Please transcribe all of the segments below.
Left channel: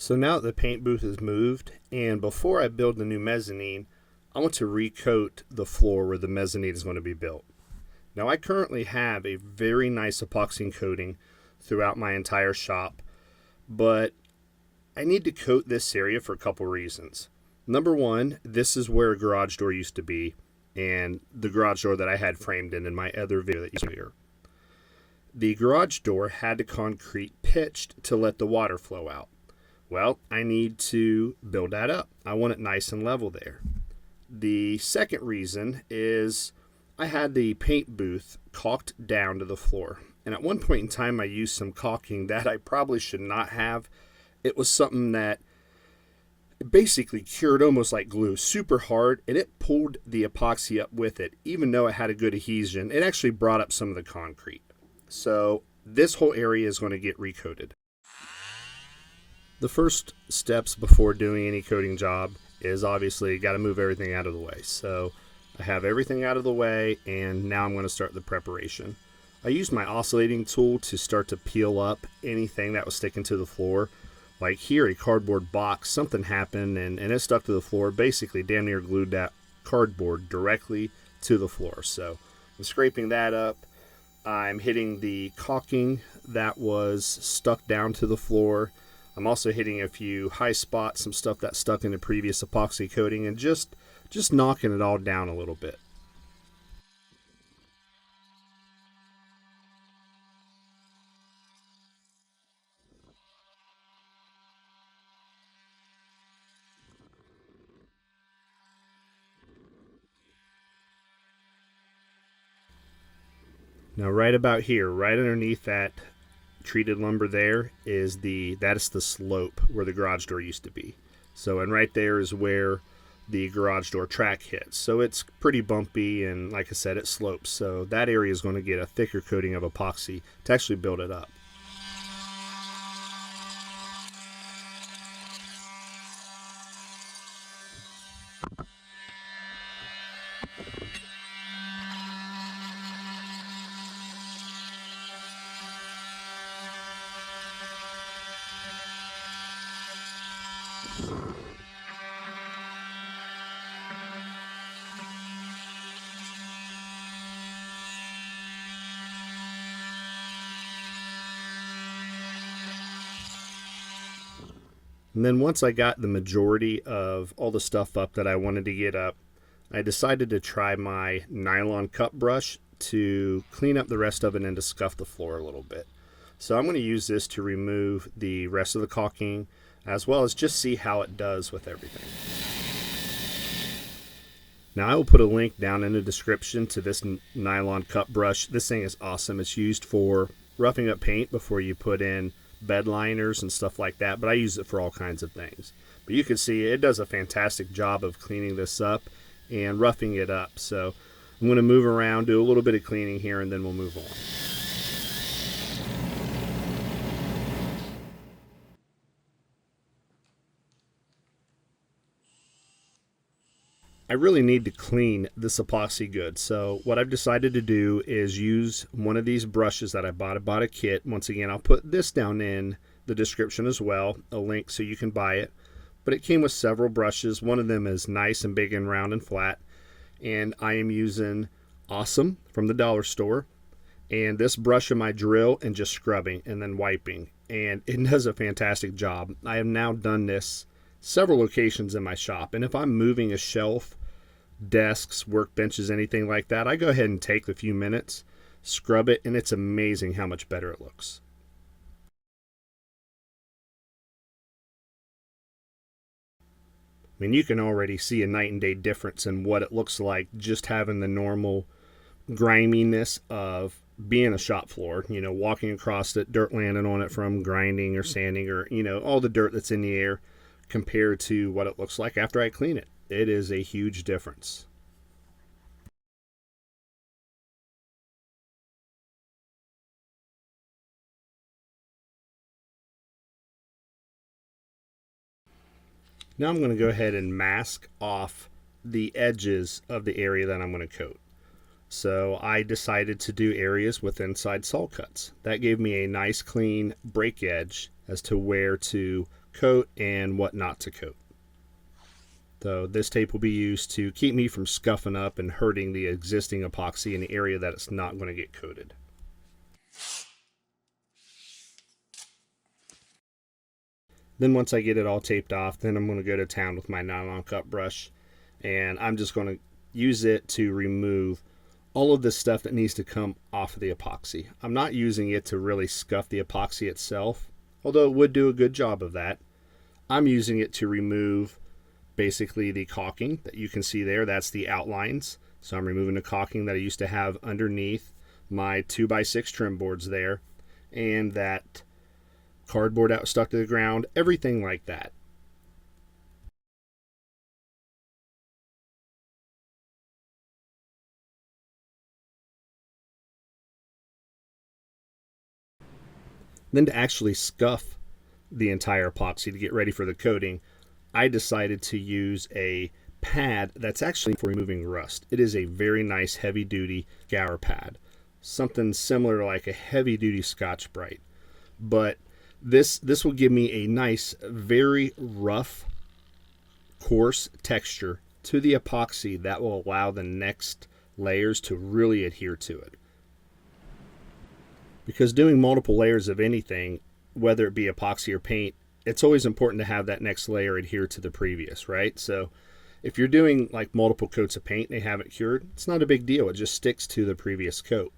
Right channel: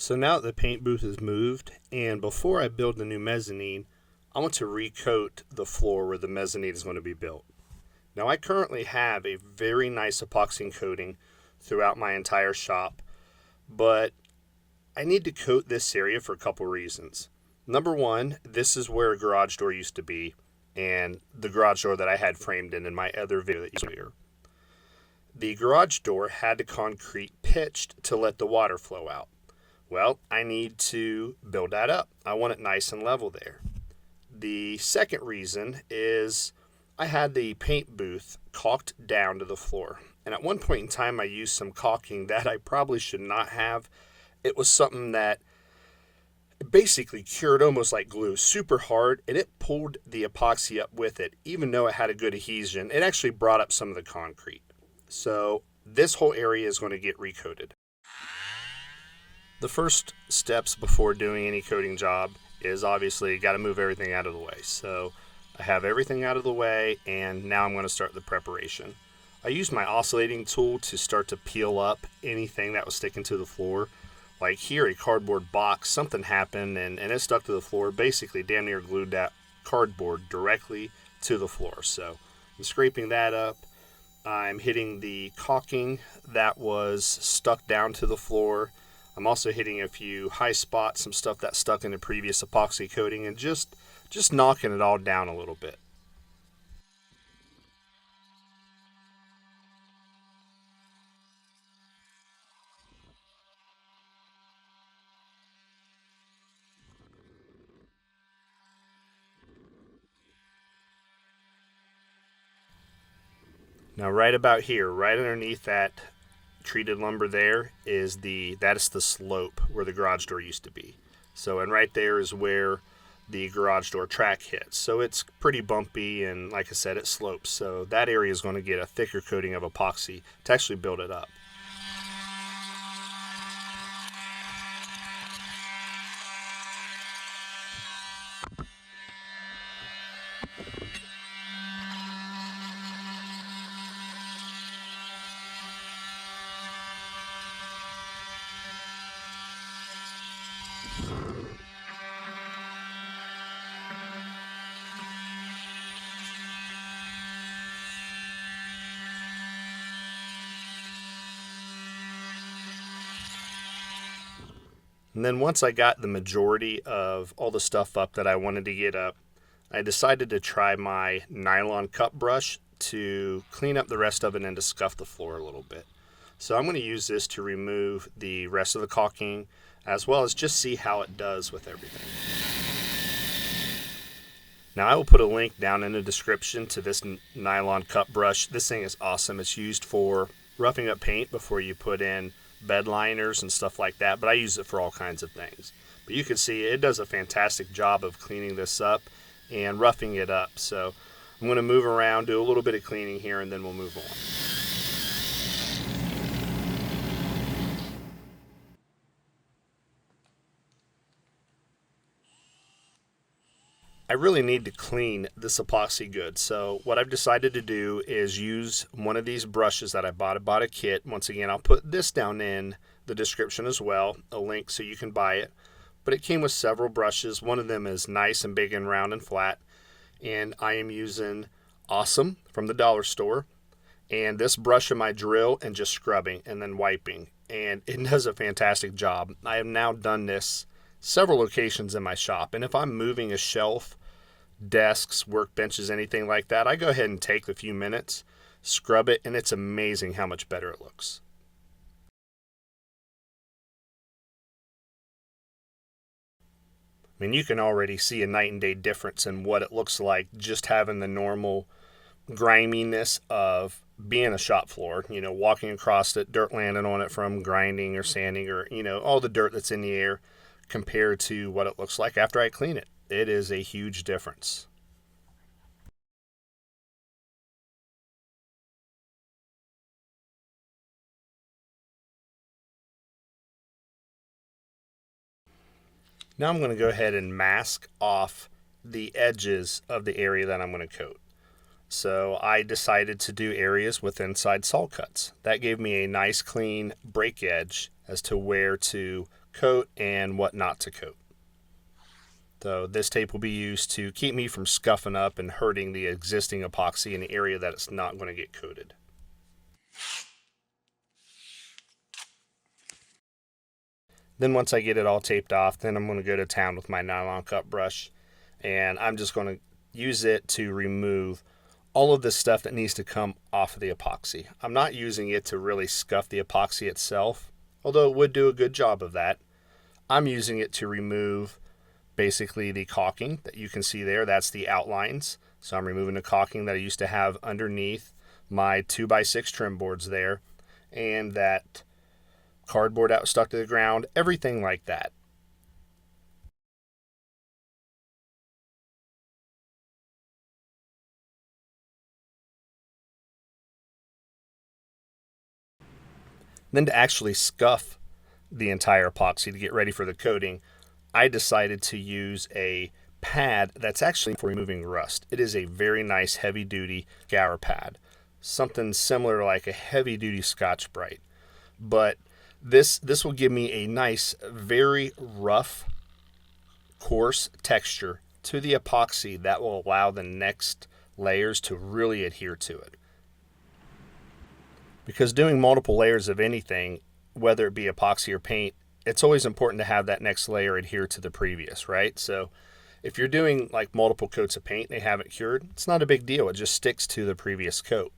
So now that the paint booth is moved, and before I build the new mezzanine, I want to recoat the floor where the mezzanine is going to be built. Now I currently have a very nice epoxy coating throughout my entire shop, but I need to coat this area for a couple reasons. Number one, this is where a garage door used to be, and the garage door that I had framed in my other video that you saw here. The garage door had the concrete pitched to let the water flow out. Well, I need to build that up. I want it nice and level there. The second reason is I had the paint booth caulked down to the floor. And at one point in time, I used some caulking that I probably should not have. It was something that basically cured almost like glue, super hard, and it pulled the epoxy up with it. Even though it had a good adhesion, it actually brought up some of the concrete. So this whole area is going to get recoated. The first steps before doing any coating job is obviously got to move everything out of the way. So I have everything out of the way, and now I'm going to start the preparation. I used my oscillating tool to start to peel up anything that was sticking to the floor. Like here, a cardboard box, something happened and it stuck to the floor. Basically damn near glued that cardboard directly to the floor. So I'm scraping that up. I'm hitting the caulking that was stuck down to the floor. I'm also hitting a few high spots, some stuff that stuck in the previous epoxy coating, and just knocking it all down a little bit. Now right about here, right underneath that treated lumber there is the slope where the garage door used to be. So, and right there is where the garage door track hits. So it's pretty bumpy, and like I said, it slopes. So that area is going to get a thicker coating of epoxy to actually build it up. And then once I got the majority of all the stuff up that I wanted to get up, I decided to try my nylon cup brush to clean up the rest of it and to scuff the floor a little bit. So I'm going to use this to remove the rest of the caulking, as well as just see how it does with everything. Now I will put a link down in the description to this nylon cup brush. This thing is awesome. It's used for roughing up paint before you put in bed liners and stuff like that, but I use it for all kinds of things. But you can see it does a fantastic job of cleaning this up and roughing it up. So I'm going to move around, do a little bit of cleaning here, and then we'll move on. I really need to clean this epoxy good. So what I've decided to do is use one of these brushes that I bought a kit. Once again, I'll put this down in the description as well, a link so you can buy it. But it came with several brushes. One of them is nice and big and round and flat. And I am using Awesome from the dollar store. And this brush in my drill and just scrubbing and then wiping. And it does a fantastic job. I have now done this several locations in my shop. And if I'm moving a shelf, desks, workbenches, anything like that, I go ahead and take a few minutes, scrub it, and it's amazing how much better it looks. I mean, you can already see a night and day difference in what it looks like just having the normal griminess of being a shop floor, you know, walking across it, dirt landing on it from grinding or sanding or, you know, all the dirt that's in the air compared to what it looks like after I clean it. It is a huge difference. Now I'm going to go ahead and mask off the edges of the area that I'm going to coat. So I decided to do areas with inside saw cuts. That gave me a nice clean break edge as to where to coat and what not to coat. So this tape will be used to keep me from scuffing up and hurting the existing epoxy in the area that it's not going to get coated. Then once I get it all taped off, then I'm going to go to town with my nylon cut brush, and I'm just going to use it to remove all of the stuff that needs to come off of the epoxy. I'm not using it to really scuff the epoxy itself, although it would do a good job of that. I'm using it to remove basically the caulking that you can see there. That's the outlines. So I'm removing the caulking that I used to have underneath my 2x6 trim boards there, and that cardboard out stuck to the ground, everything like that. Then to actually scuff the entire epoxy to get ready for the coating, I decided to use a pad that's actually for removing rust. It is a very nice heavy duty scour pad, something similar like a heavy duty Scotch-Brite, but this will give me a nice, very rough, coarse texture to the epoxy that will allow the next layers to really adhere to it. Because doing multiple layers of anything, whether it be epoxy or paint, it's always important to have that next layer adhere to the previous, right? So if you're doing like multiple coats of paint and they have it cured, it's not a big deal. It just sticks to the previous coat.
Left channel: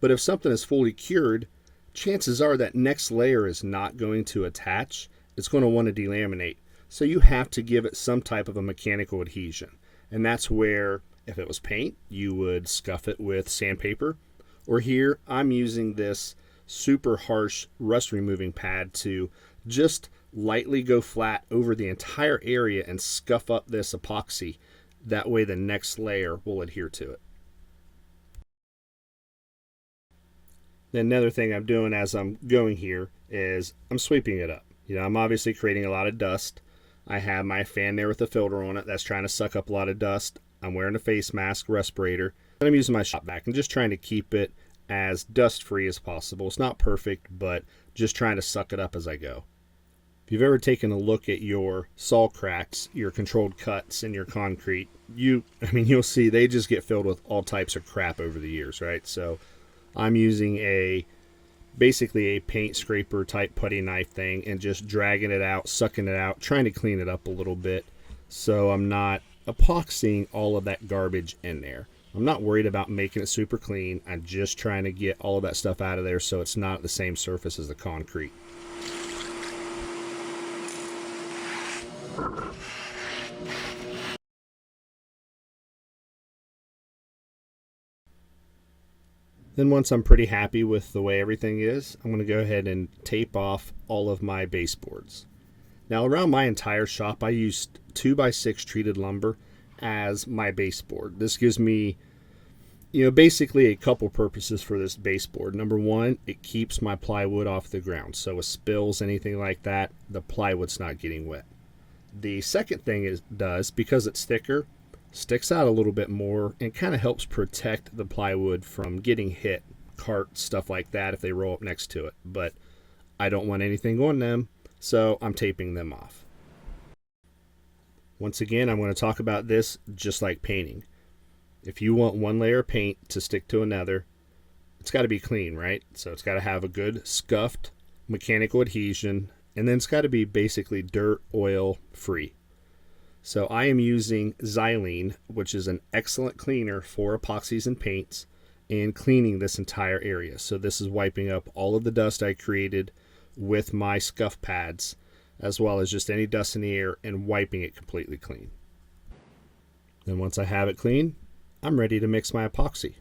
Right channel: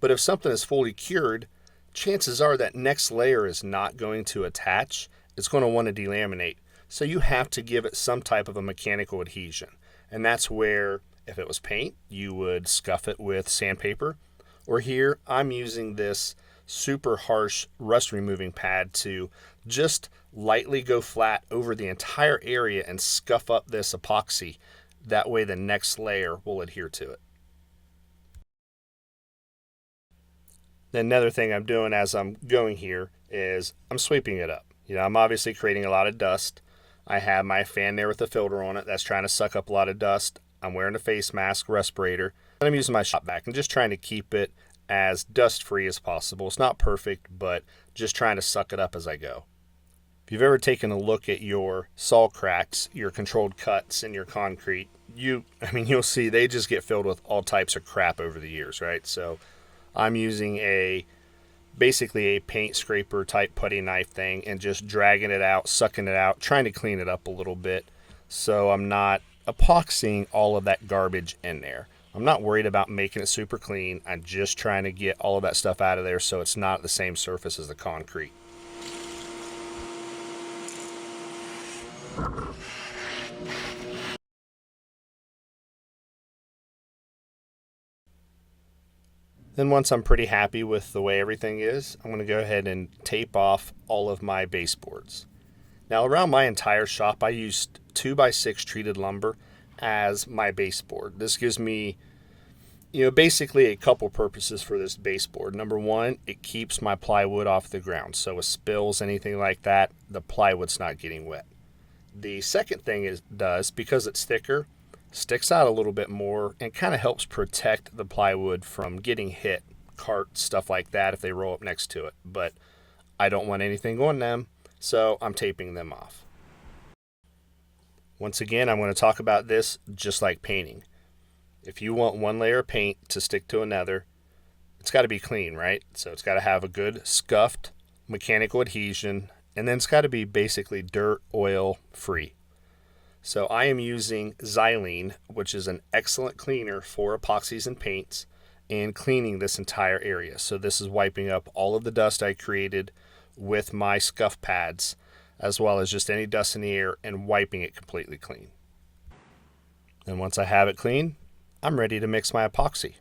But if something is fully cured, chances are that next layer is not going to attach. It's going to want to delaminate. So you have to give it some type of a mechanical adhesion. And that's where, if it was paint, you would scuff it with sandpaper. Or here, I'm using this super harsh rust removing pad to just lightly go flat over the entire area and scuff up this epoxy. That way the next layer will adhere to it. Then another thing I'm doing as I'm going here is I'm sweeping it up. I'm obviously creating a lot of dust. I have my fan there with a filter on it that's trying to suck up a lot of dust. I'm wearing a face mask, respirator, and I'm using my shop vac and just trying to keep it as dust free as possible. It's not perfect, but just trying to suck it up as I go. If you've ever taken a look at your saw cracks, your controlled cuts in your concrete, you'll see they just get filled with all types of crap over the years, right? So I'm using basically a paint scraper type putty knife thing and just dragging it out, sucking it out, trying to clean it up a little bit so I'm not epoxying all of that garbage in there. I'm not worried about making it super clean. I'm just trying to get all of that stuff out of there so it's not the same surface as the concrete. Then once I'm pretty happy with the way everything is, I'm going to go ahead and tape off all of my baseboards. Now around my entire shop, I used 2x6 treated lumber as my baseboard. This gives me, basically a couple purposes for this baseboard. Number one, it keeps my plywood off the ground. So with spills, anything like that, the plywood's not getting wet. The second thing it does, because it's thicker, sticks out a little bit more and kind of helps protect the plywood from getting hit, carts, stuff like that if they roll up next to it. But I don't want anything on them, so I'm taping them off. Once again, I'm going to talk about this just like painting. If you want one layer of paint to stick to another, it's got to be clean, right? So it's got to have a good scuffed mechanical adhesion, and then it's got to be basically dirt, oil free. So I am using xylene, which is an excellent cleaner for epoxies and paints, and cleaning this entire area. So this is wiping up all of the dust I created with my scuff pads, as well as just any dust in the air, and wiping it completely clean. And once I have it clean, I'm ready to mix my epoxy.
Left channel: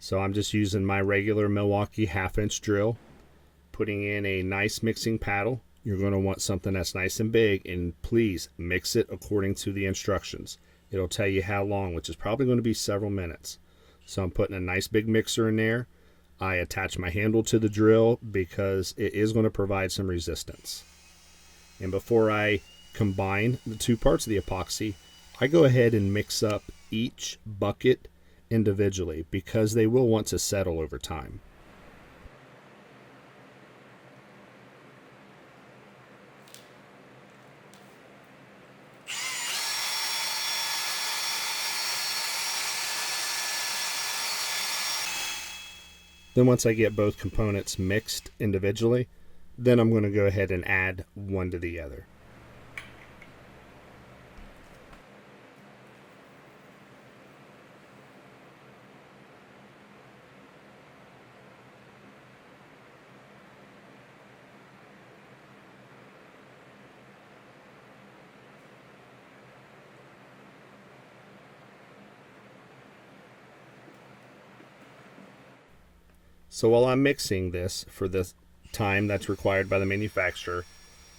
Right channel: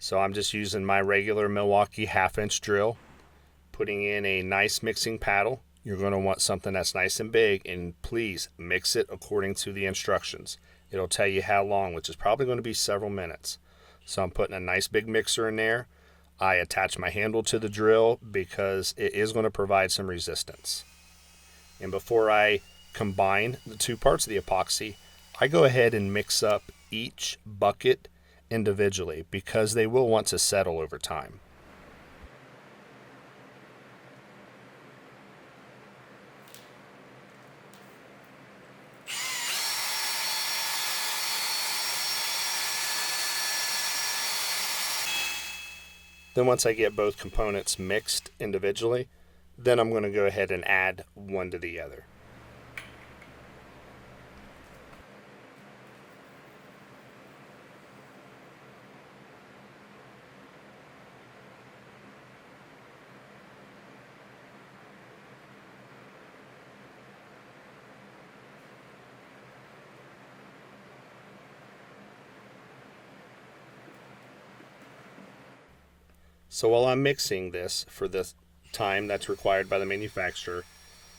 So I'm just using my regular Milwaukee 1/2-inch drill, putting in a nice mixing paddle. You're going to want something that's nice and big, and please mix it according to the instructions. It'll tell you how long, which is probably going to be several minutes. So I'm putting a nice big mixer in there. I attach my handle to the drill because it is going to provide some resistance. And before I combine the two parts of the epoxy, I go ahead and mix up each bucket individually because they will want to settle over time. Then once I get both components mixed individually, then I'm going to go ahead and add one to the other. So while I'm mixing this for the time that's required by the manufacturer,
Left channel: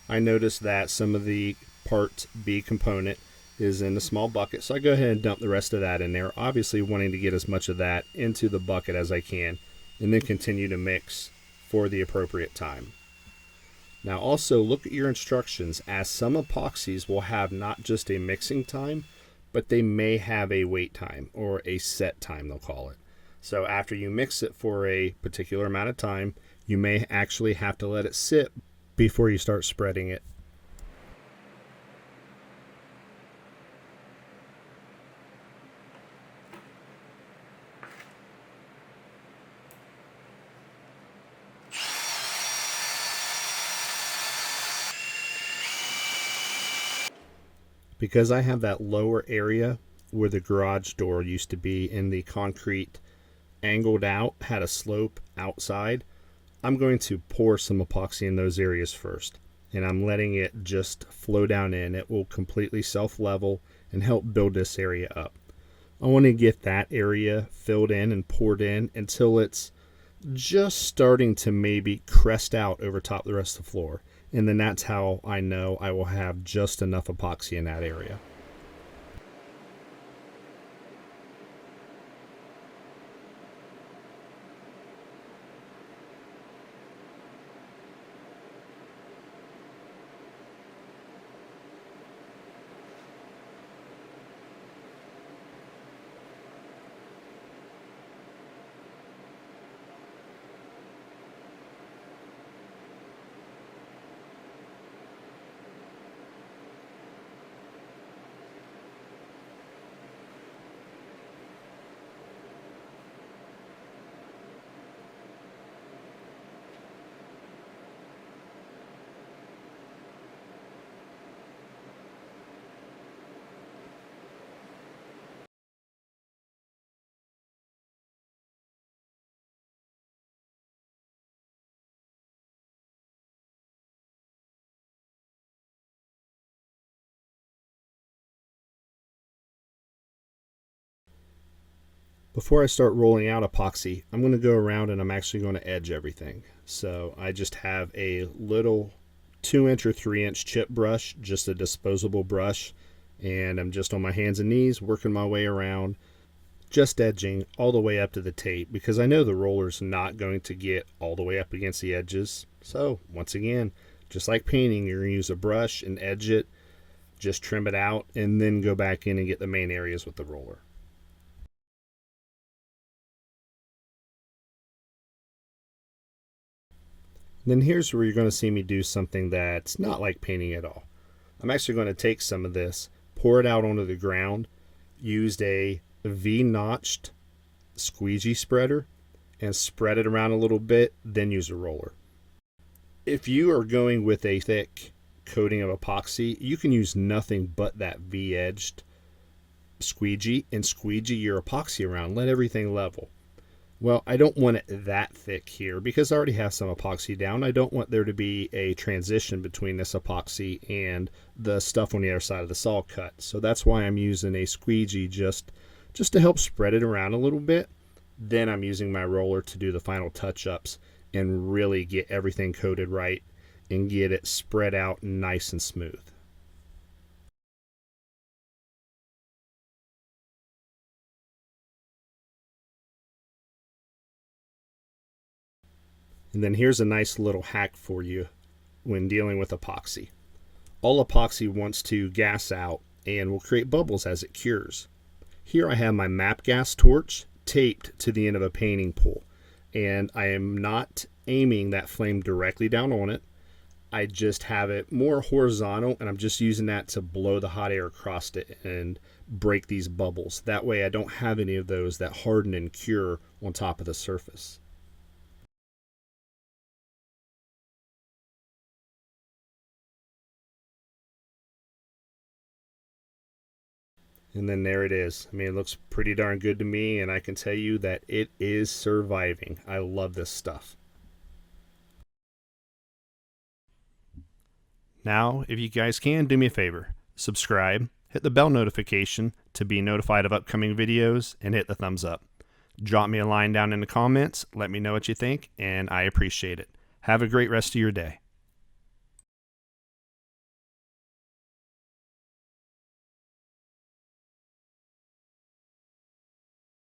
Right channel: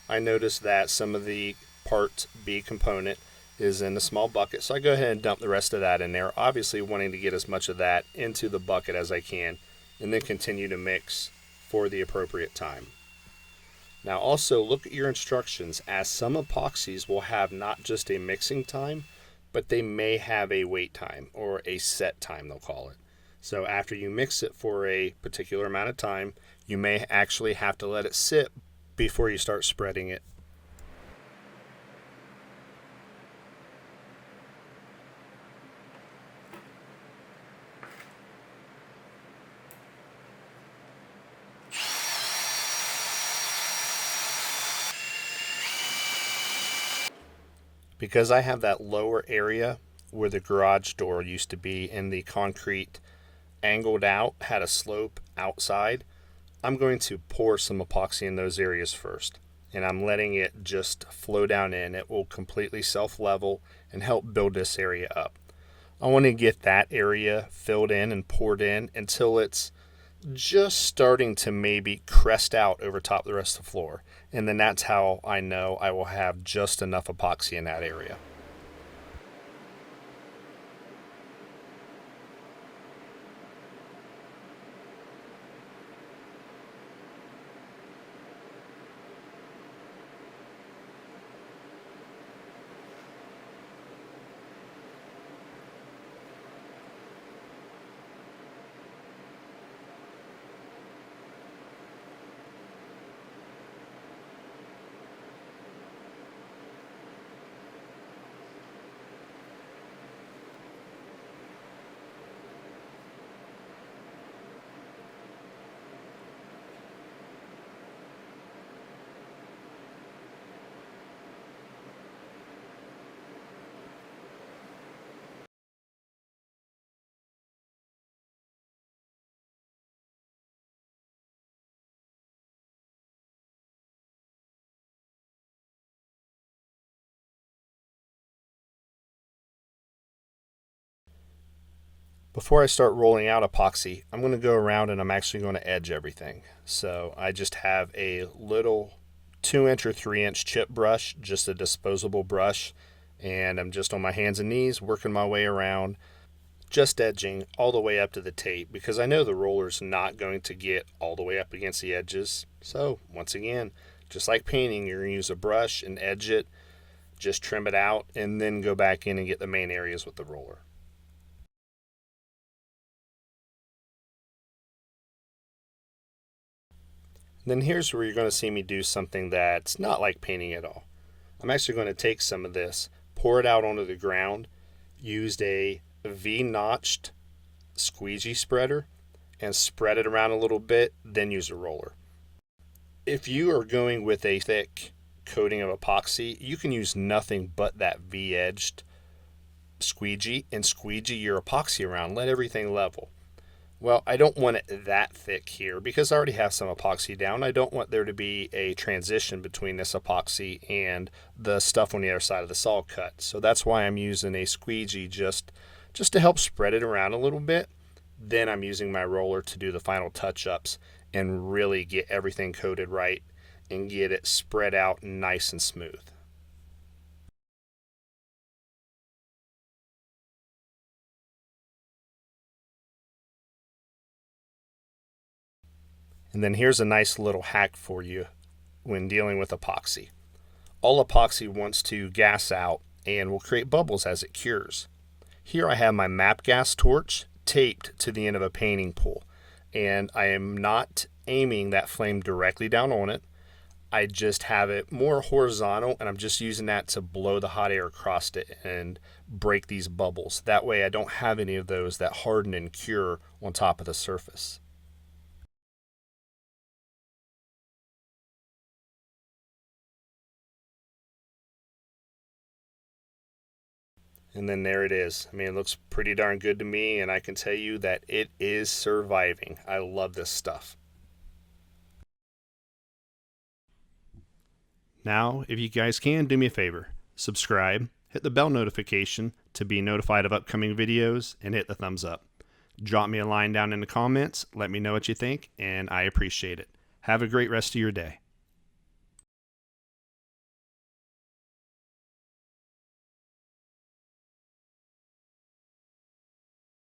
I noticed that some of the part B component is in a small bucket, so I go ahead and dump the rest of that in there, obviously wanting to get as much of that into the bucket as I can, and then continue to mix for the appropriate time. Now also look at your instructions, as some epoxies will have not just a mixing time, but they may have a wait time, or a set time they'll call it. So after you mix it for a particular amount of time, you may actually have to let it sit before you start spreading it. Because I have that lower area where the garage door used to be and the concrete angled out, had a slope outside, I'm going to pour some epoxy in those areas first. And I'm letting it just flow down in. It will completely self-level and help build this area up. I want to get that area filled in and poured in until it's just starting to maybe crest out over top of the rest of the floor. And then that's how I know I will have just enough epoxy in that area. Before I start rolling out epoxy, I'm going to go around and I'm actually going to edge everything. So I just have a little 2-inch or 3-inch chip brush, just a disposable brush, and I'm just on my hands and knees working my way around, just edging all the way up to the tape, because I know the roller's not going to get all the way up against the edges. So once again, just like painting, you're going to use a brush and edge it, just trim it out, and then go back in and get the main areas with the roller. Then here's where you're going to see me do something that's not like painting at all. I'm actually going to take some of this, pour it out onto the ground, used a V-notched squeegee spreader, and spread it around a little bit, then use a roller. If you are going with a thick coating of epoxy, you can use nothing but that V-edged squeegee and squeegee your epoxy around. Let everything level. Well, I don't want it that thick here because I already have some epoxy down. I don't want there to be a transition between this epoxy and the stuff on the other side of the saw cut. So that's why I'm using a squeegee just to help spread it around a little bit. Then I'm using my roller to do the final touch-ups and really get everything coated right and get it spread out nice and smooth. And then here's a nice little hack for you when dealing with epoxy. All epoxy wants to gas out and will create bubbles as it cures. Here I have my MAP gas torch taped to the end of a painting pole, and I am not aiming that flame directly down on it. I just have it more horizontal, and I'm just using that to blow the hot air across it and break these bubbles. That way I don't have any of those that harden and cure on top of the surface. And then there it is. I mean, it looks pretty darn good to me, and I can tell you that it is surviving. I love this stuff. Now, if you guys can, do me a favor. Subscribe, hit the bell notification to be notified of upcoming videos, and hit the thumbs up. Drop me a line down in the comments. Let me know what you think, and I appreciate it. Have a great rest of your day.